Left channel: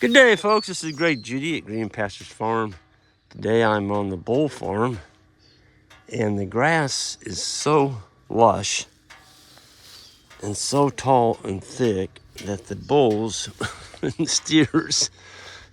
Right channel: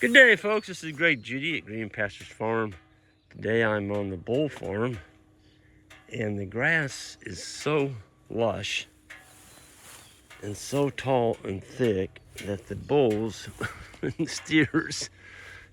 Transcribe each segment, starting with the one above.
Good day, folks. This is Great Judy at Green Pastures Farm. Today I'm on the bull farm, and the grass is so lush and so tall and thick that the bulls and steers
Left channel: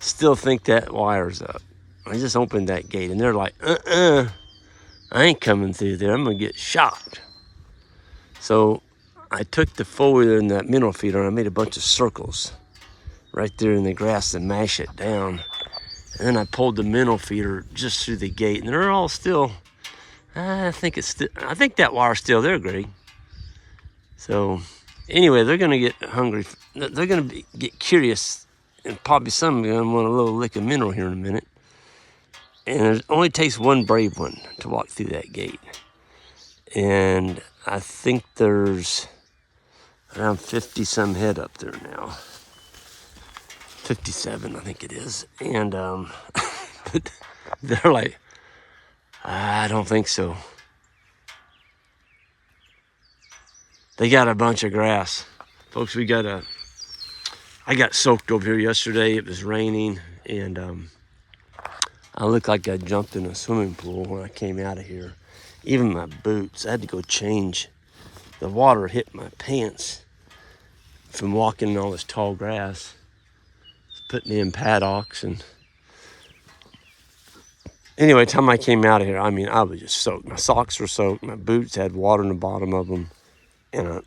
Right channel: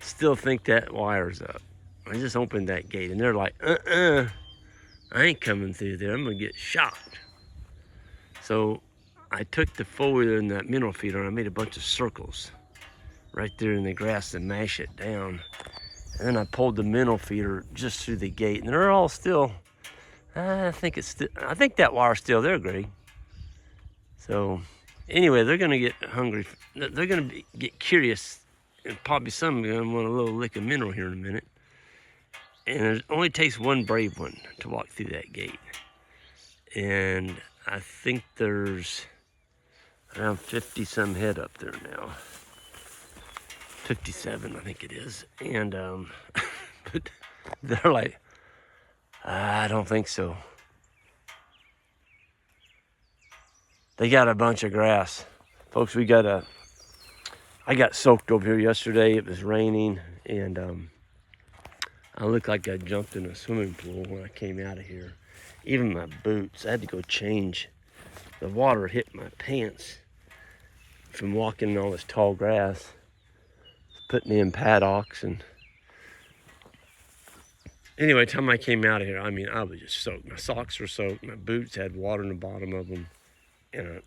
still think that wire's up. I just opened that gate, and they're like, I ain't coming through there. I'm going to get shot. So I took the four-wheeler and that mineral feeder, and I made a bunch of circles right there in the grass to mash it down. And then I pulled the mineral feeder just through the gate, and they're all still, I think that wire's still there, Greg. So anyway, they're gonna get hungry. They're gonna get curious, and probably some of them want a little lick of mineral here in a minute. And it only takes one brave one to walk through that gate. And I think there's around 50 some head up there now. 57, I think it is. And but they're like, I don't think so. They got a bunch of grass. Folks, I got soaked over here yesterday. It was raining, and I looked like I jumped in a swimming pool when I came out of here. Even my boots, I had to go change. The water hit my pants from walking in all this tall grass. Put me in paddocks, and anyway, the time I came out of here, I mean, I was just soaked. My socks were soaked. My boots had water in the bottom of them. And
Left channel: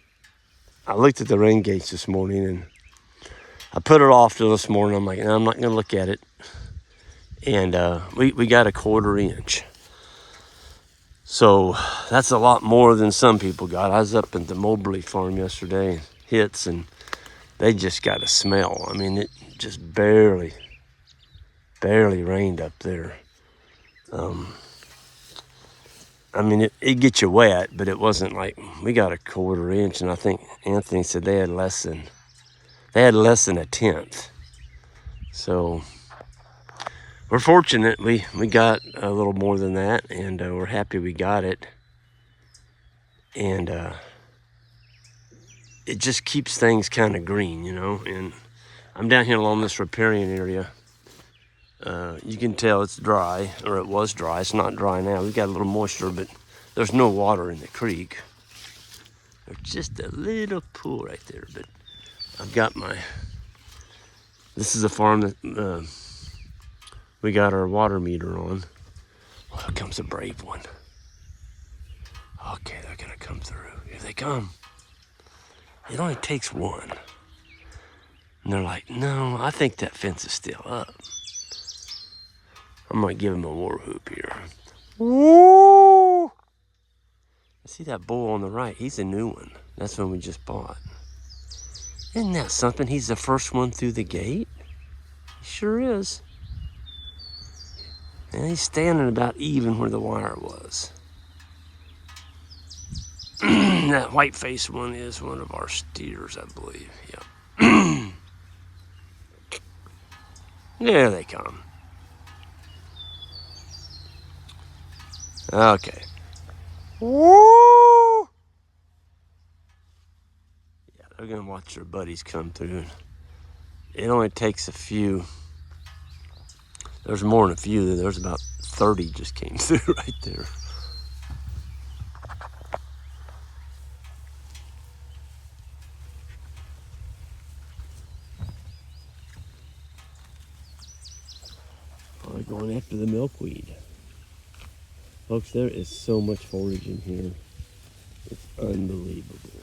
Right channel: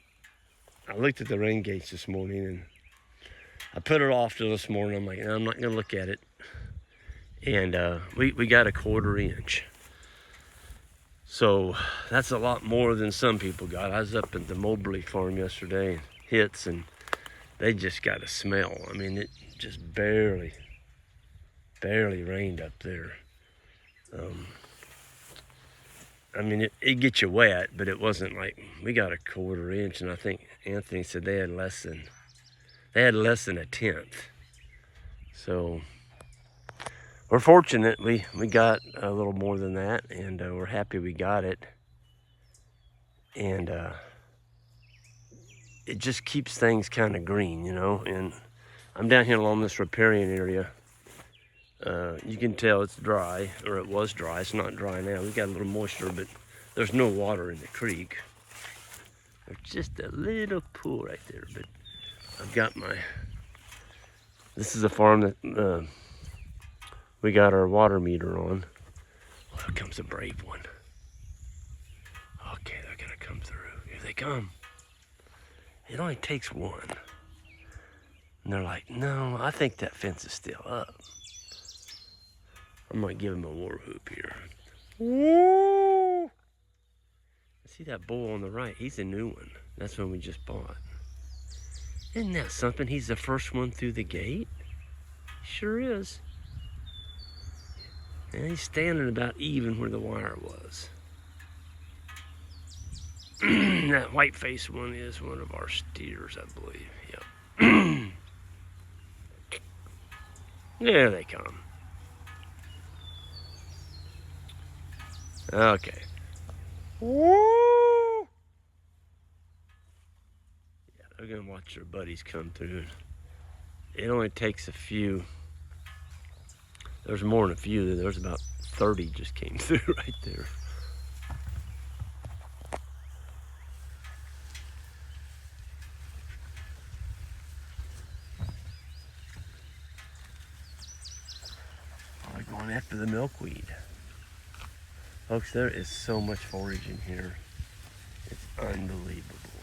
I looked at the rain gates this morning, and I put it off till this morning. I'm like, I'm not going to look at it. And we got a 1/4 inch. So that's a lot more than some people got. I was up at the Mobley farm yesterday, and they just got a smell. I mean, it just barely rained up there. I mean, it gets you wet, but it wasn't like, we got a 1/4 inch, and I think Anthony said they had less than a 1/10. So we're fortunate. We got a little more than that, and we're happy we got it. And it just keeps things kind of green, you know. And I'm down here along this riparian area. You can tell it's dry, or it was dry. It's not dry now. We got a little moisture, but there's no water in the creek. There's just a little pool right there. But I've got this is a farm that we got our water meter on. Oh, here comes a brave one. Okay, they're gonna come through. Here they come. It only takes one. And they're like, no, I think that fence is still up. I'm gonna give him a war whoop here. Woo! See that bull on the right? He's a new one. That's one we just bought. Isn't that something? He's the first one through the gate. He sure is. And he's standing about even where the wire was. That white face one is one of our steers, I believe. Yep. There they come. Okay. Woo! Yeah, they're gonna watch their buddies come through. It only takes a few. There's more than a few. There's about 30 just came through right there. Probably going after the milkweed. Folks, there is so much forage in here. It's unbelievable.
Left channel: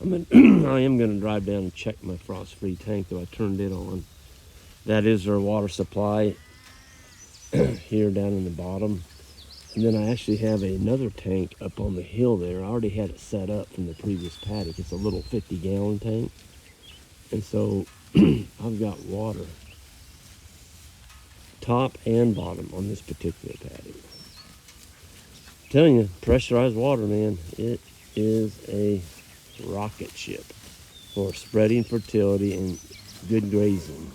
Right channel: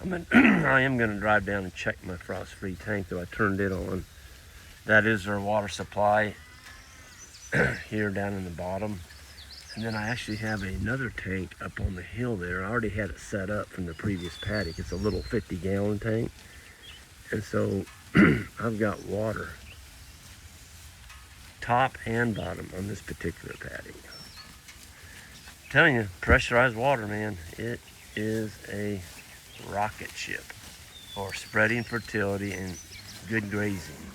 I am gonna drive down and check my frost-free tank, though I turned it on. That is our water supply here down in the bottom. And then I actually have another tank up on the hill there. I already had it set up from the previous paddock. It's a little 50-gallon tank. And so I've got water, top and bottom, on this particular paddock. I'm telling you, pressurized water, man, it is a rocket ship for spreading fertility and good grazing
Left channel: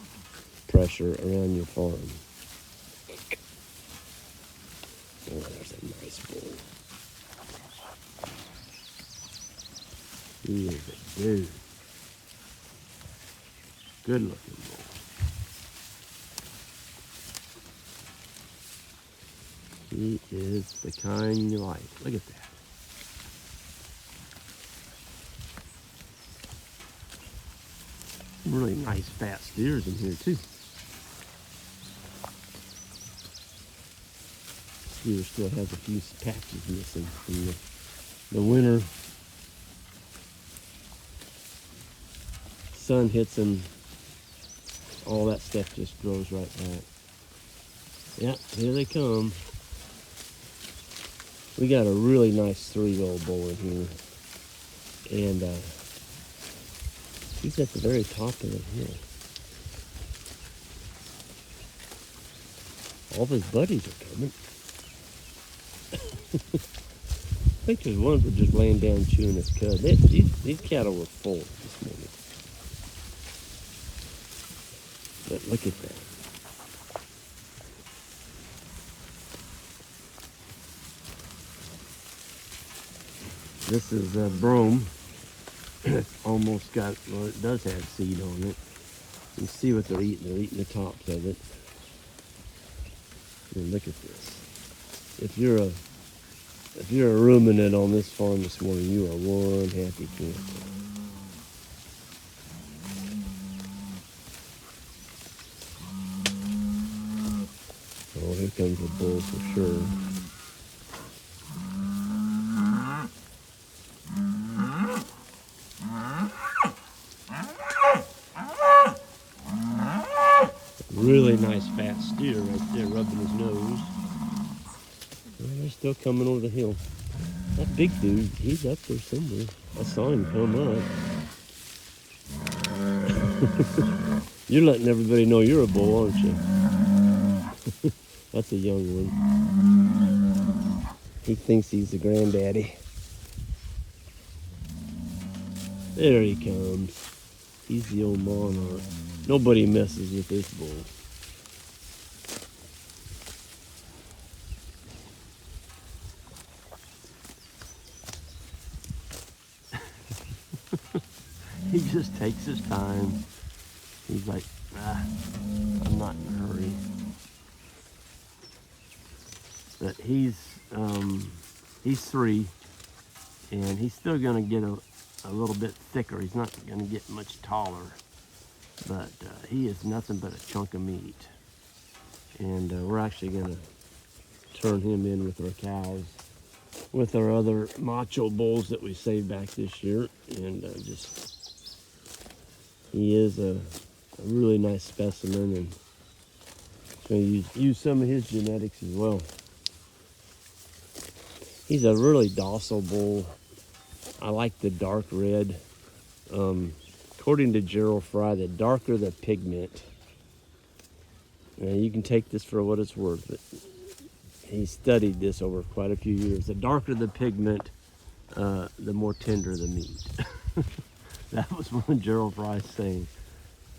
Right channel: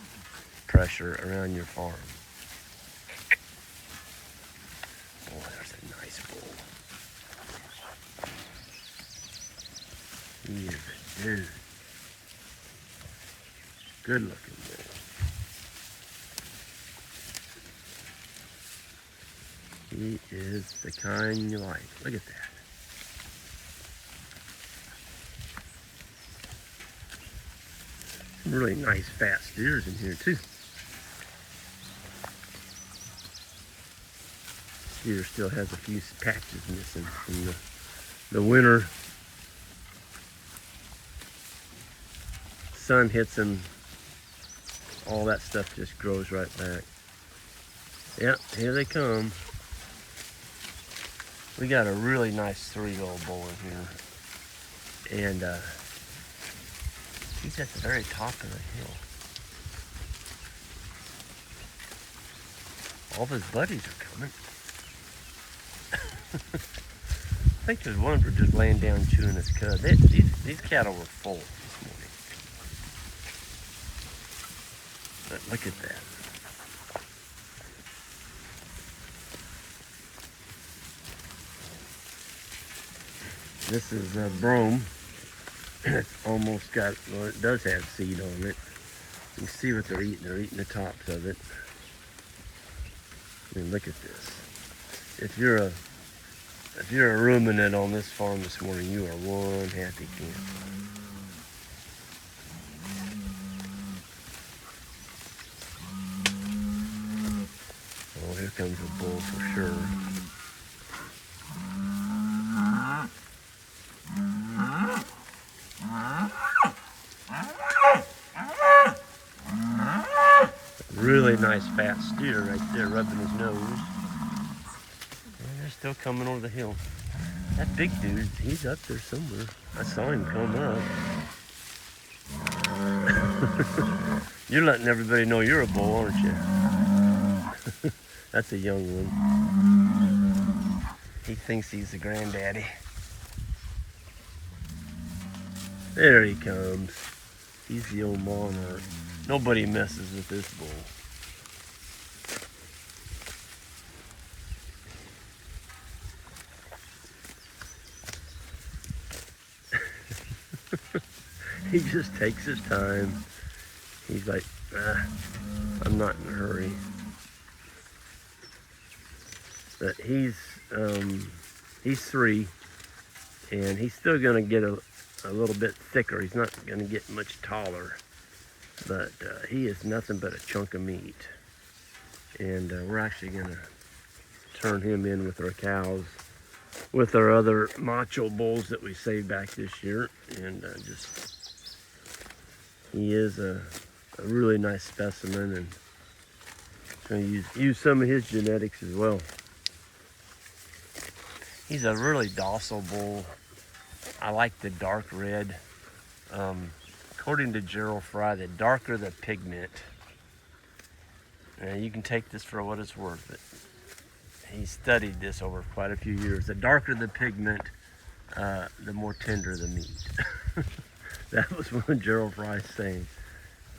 pressure around your farm. Oh, there's a nice bull. He is a dude. Good looking bull. He is the kind you like. Look at that. Some really nice fat steers in here too. Steer still has a few patches missing from the winter. Sun hits them, all that stuff just grows right back. Yep, here they come. We got a really nice 3-year-old bull in here, and he's at the very top of the hill. All of his buddies are coming. I think there's one for just laying down chewing his cud. These cattle were full this morning. But look at that. This is a brome. It's almost got, well, it does have seed on it. You can see what they're eating. They're eating the tops of it. I mean, look at this. If you're a ruminant on this farm this morning, you are one happy camper. Oh, here comes a bull for sure. Really nice fat steer right there, rubbing his nose. And they're still coming over the hill. That big dude, he's up there somewhere. I saw him come up. You're letting everybody know you're a bull, aren't you? That's a young one. He thinks he's the granddaddy. There he comes. He's the old monarch. Nobody messes with this bull. He just takes his time. He's like, I'm not in a hurry. But he's 3, and he's still gonna get a little bit thicker. He's not gonna get much taller, but he is nothing but a chunk of meat. And we're actually gonna turn him in with our cows, with our other macho bulls that we saved back this year, and he is a really nice specimen, and gonna use some of his genetics as well. He's a really docile bull. I like the dark red. According to Gerald Fry, the darker the pigment, and you can take this for what it's worth, but he studied this over quite a few years. The darker the pigment, the more tender the meat. That was one of Gerald Fry's saying.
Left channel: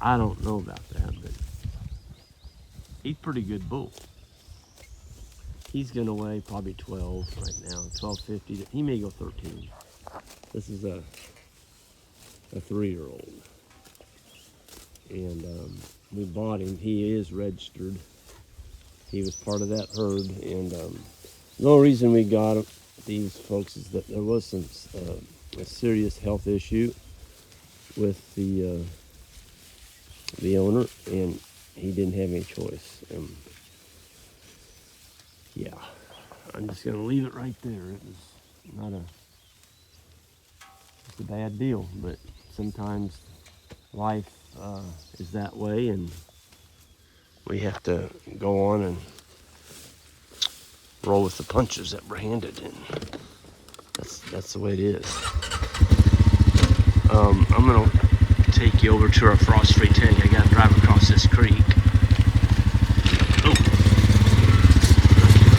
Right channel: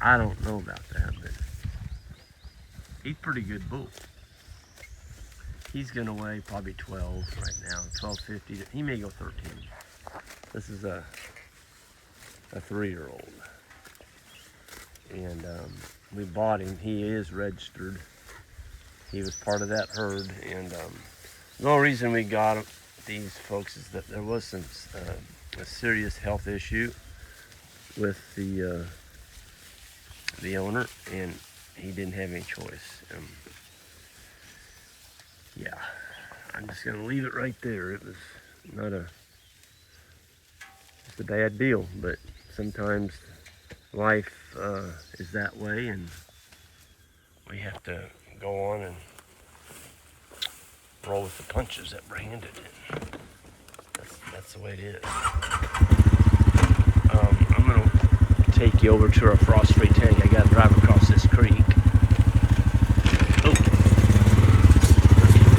I don't know about that, but he's a pretty good bull. He's gonna weigh probably 12 right now, 1250. He may go 13. This is a 3-year-old, and we bought him. He is registered. He was part of that herd, and the only reason we got these folks is that there was a serious health issue with the owner, and he didn't have any choice. Yeah, I'm just gonna leave it right there. It was not it's a bad deal, but sometimes life is that way, and we have to go on and roll with the punches that we're handed, and that's the way it is. I'm gonna take you over to our frost-free tank. I gotta drive across this creek. Oh,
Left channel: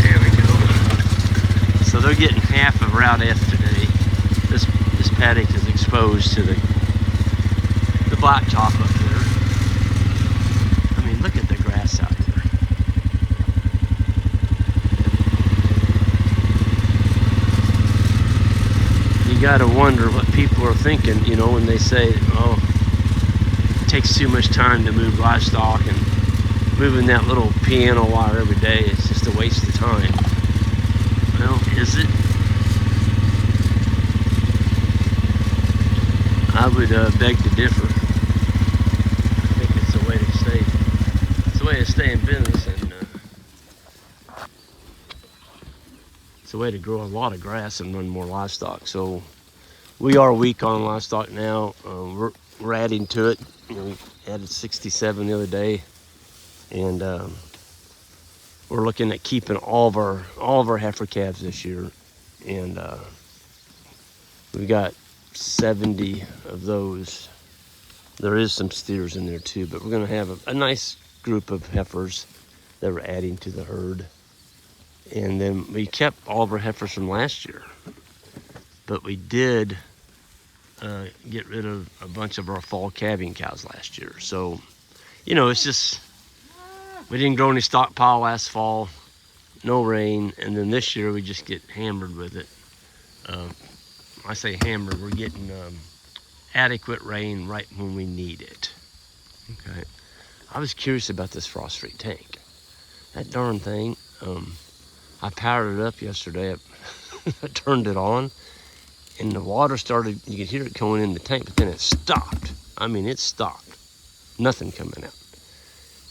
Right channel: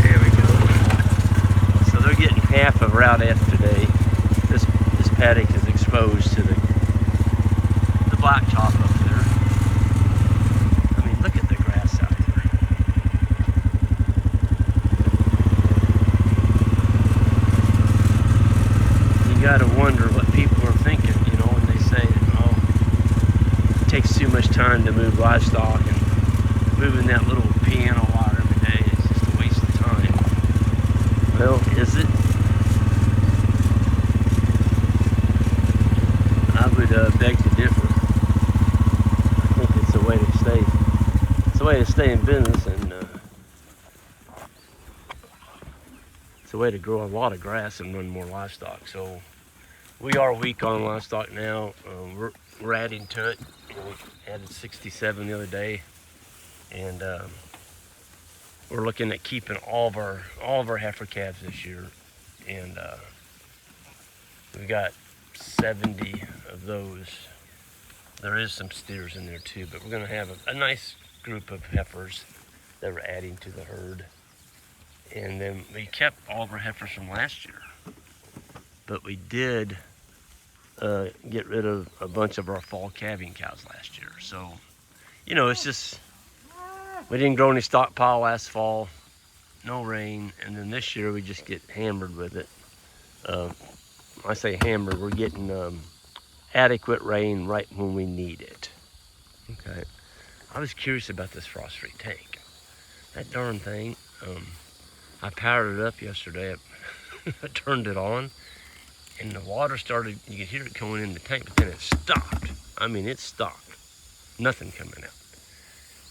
there we go. So they're getting half of Route F today. This paddock is exposed to the blacktop up there. I mean, look at the grass out there. You gotta wonder what people are thinking, you know, when they say, oh, it takes too much time to move livestock, and moving that little piano wire every day is just a waste of time. Well, is it? I would beg to differ. I think it's a way to stay. It's a way to stay in business, and it's a way to grow a lot of grass and run more livestock. So we are weak on livestock now. We're adding to it. We added 67 the other day, and we're looking at keeping all of our heifer calves this year, and we've got 70 of those. There is some steers in there too, but we're going to have a nice group of heifers that we're adding to the herd. And then we kept all of our heifers from last year, but we did get rid of a bunch of our fall calving cows last year. So, you know, it's just, we didn't grow any stockpile last fall, no rain, and then this year we just get hammered with it. I say hammered, we're getting adequate rain right when we need it. Okay, I was curious about this frost-free tank. That darn thing, I powered it up yesterday. I turned it on, and the water started, you could hear it going in the tank, but then it stopped. I mean, it stopped. Nothing coming out.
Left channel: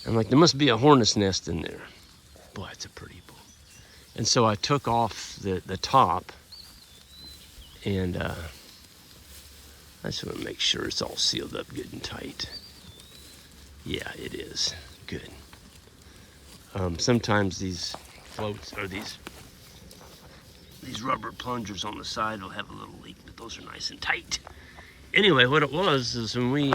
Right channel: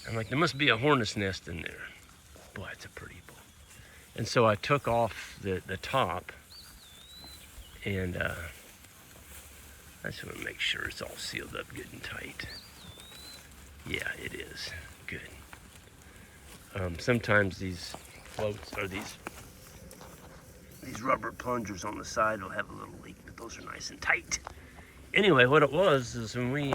I'm like, there must be a hornet's nest in there. Boy, it's a pretty bowl. And so I took off the top, and I just want to make sure it's all sealed up good and tight. Yeah, it is. Good. Sometimes these floats, or these rubber plungers on the side will have a little leak, but those are nice and tight. Anyway, what it was is when we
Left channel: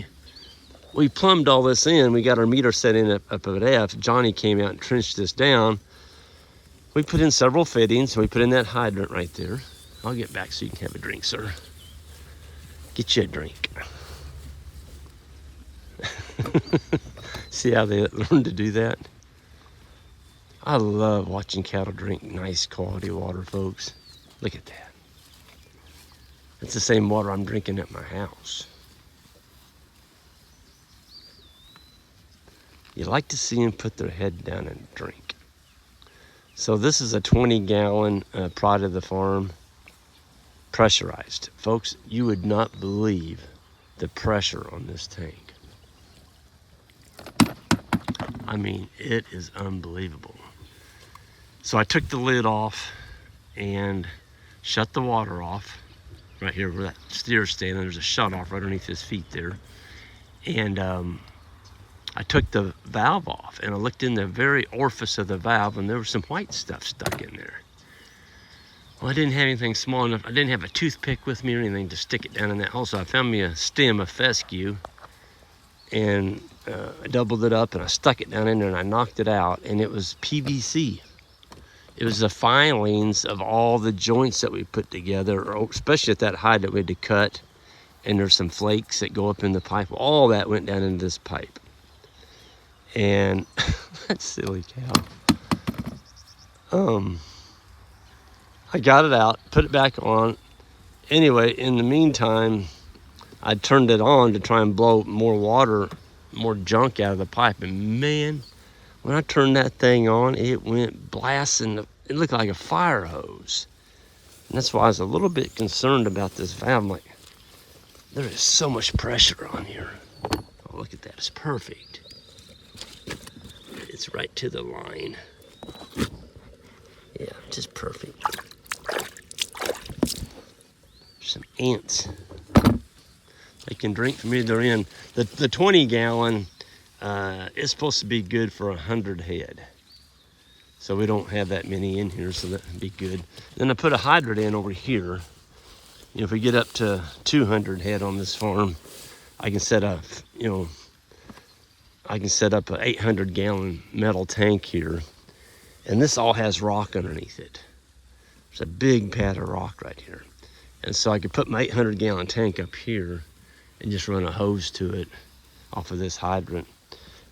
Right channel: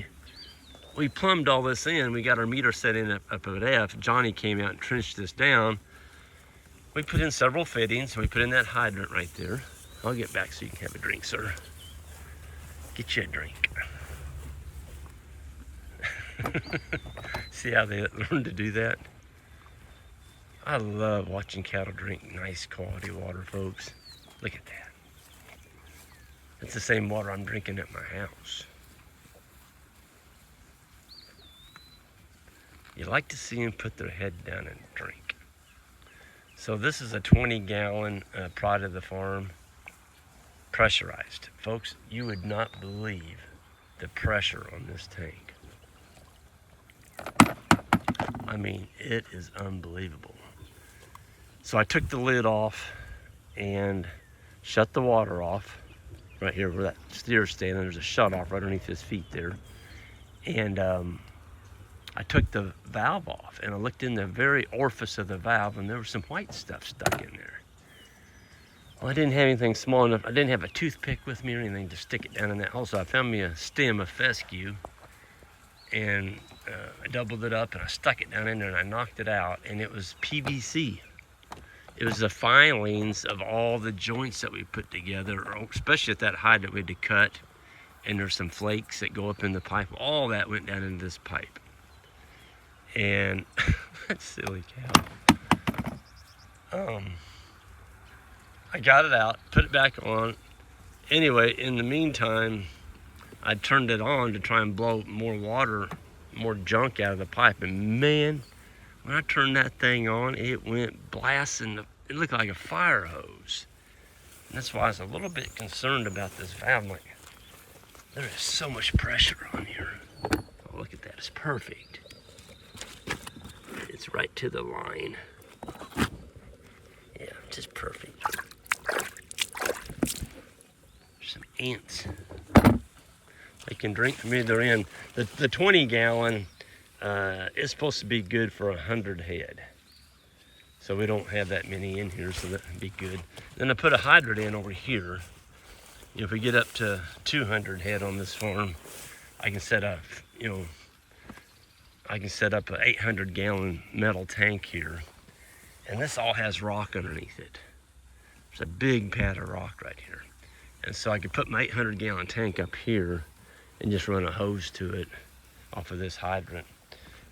plumbed all this in, we got our meter set in up at F. Johnny came out and trenched this down. We put in several fittings. We put in that hydrant right there. I'll get back so you can have a drink, sir. Get you a drink. See how they learn to do that? I love watching cattle drink nice quality water, folks. Look at that. That's the same water I'm drinking at my house. You like to see them put their head down and drink. So this is a 20-gallon Pride of the Farm, pressurized. Folks, you would not believe the pressure on this tank. I mean, it is unbelievable. So I took the lid off and shut the water off right here where that steer's standing. There's a shut off right underneath his feet there. And I took the valve off, and I looked in the very orifice of the valve, and there was some white stuff stuck in there. Well, I didn't have anything small enough. I didn't have a toothpick with me or anything to stick it down in that hole, so I found me a stem of fescue, and I doubled it up, and I stuck it down in there, and I knocked it out, and it was PVC. It was the filings of all the joints that we put together, especially at that hydrant we had to cut, and there's some flakes that go up in the pipe. All that went down into this pipe. And that silly cow. I got it out, put it back on. Anyway, in the meantime, I turned it on to try and blow more water, more junk out of the pipe. And man, when I turned that thing on, it went blasting. It looked like a fire hose. And that's why I was a little bit concerned about this valve. I'm like, there is so much pressure on here. Oh, look at that, it's perfect. It's right to the line. Yeah, just perfect. There's some ants. They can drink from either end. The 20-gallon is supposed to be good for 100 head. So we don't have that many in here, so that would be good. Then I put a hydrant in over here. You know, if we get up to 200 head on this farm, I can set up, you know, I can set up an 800-gallon metal tank here, and this all has rock underneath it. There's a big pad of rock right here. And so I could put my 800-gallon tank up here and just run a hose to it off of this hydrant.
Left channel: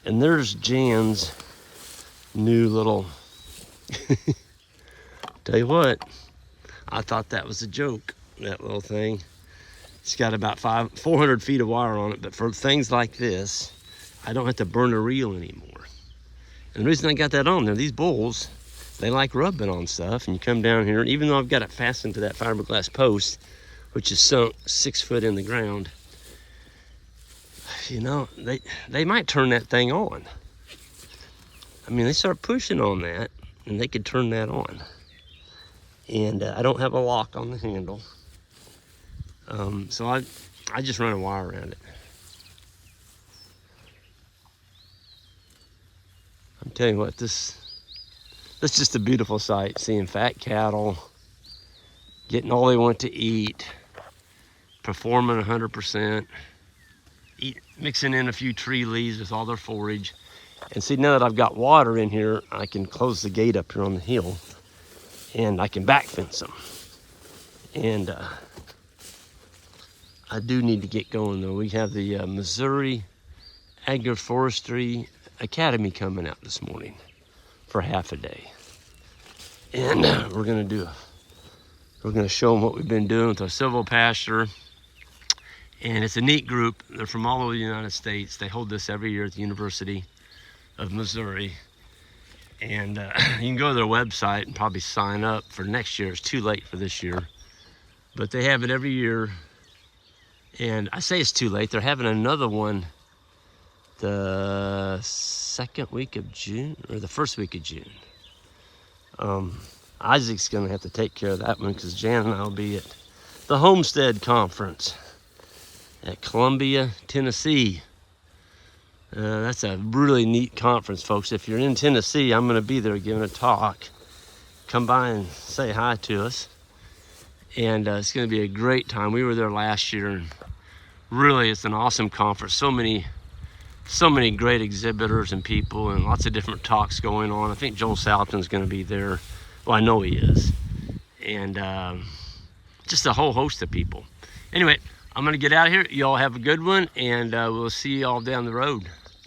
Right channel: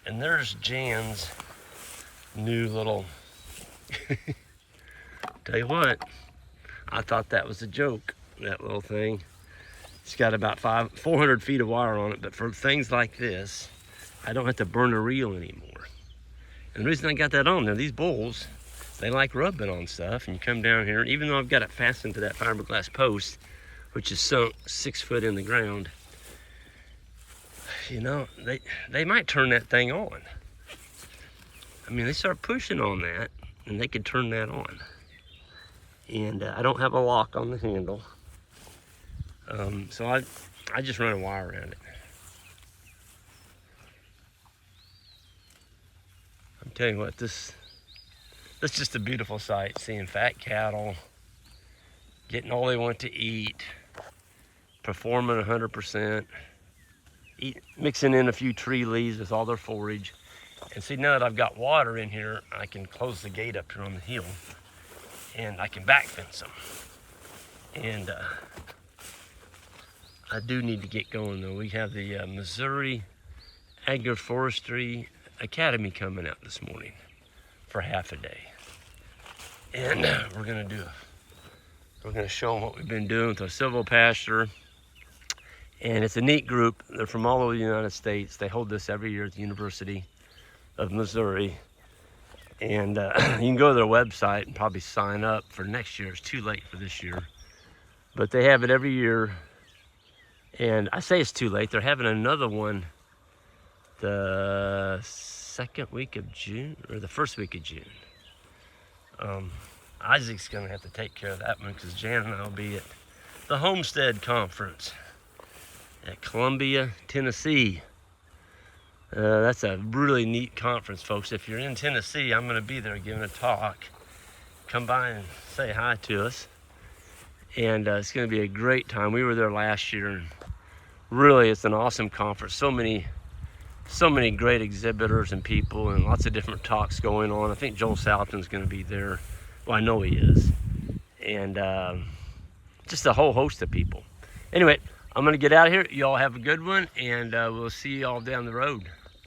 And there's Jan's new little, tell you what, I thought that was a joke, that little thing. It's got about 400 feet of wire on it, but for things like this, I don't have to burn a reel anymore. And the reason I got that on there, these bulls, they like rubbing on stuff. And you come down here, even though I've got it fastened to that fiberglass post, which is sunk 6 foot in the ground, you know, they might turn that thing on. I mean, they start pushing on that, and they could turn that on. And I don't have a lock on the handle, so I just run a wire around it. I'm telling you what, that's just a beautiful sight, seeing fat cattle getting all they want to eat, performing 100%, mixing in a few tree leaves with all their forage. And see, now that I've got water in here, I can close the gate up here on the hill, and I can back fence them. And I do need to get going though. We have the Missouri Agroforestry Academy coming out this morning for half a day. And we're gonna show them what we've been doing with our silvopasture. And it's a neat group. They're from all over the United States. They hold this every year at the University of Missouri. And you can go to their website and probably sign up for next year. It's too late for this year, but they have it every year. And I say it's too late. They're having another one the second week of June, or the first week of June. Isaac's gonna have to take care of that one because Jan and I will be at the Homestead Conference at Columbia, Tennessee. That's a really neat conference, folks. If you're in Tennessee, I'm gonna be there giving a talk. Come by and say hi to us. And it's gonna be a great time. We were there last year, and really it's an awesome conference. So many great exhibitors and people, and lots of different talks going on. I think Joel Salatin's gonna be there. Well, I know he is. And just a whole host of people. Anyway, I'm gonna get out of here. Y'all have a good one, and we'll see y'all down the road.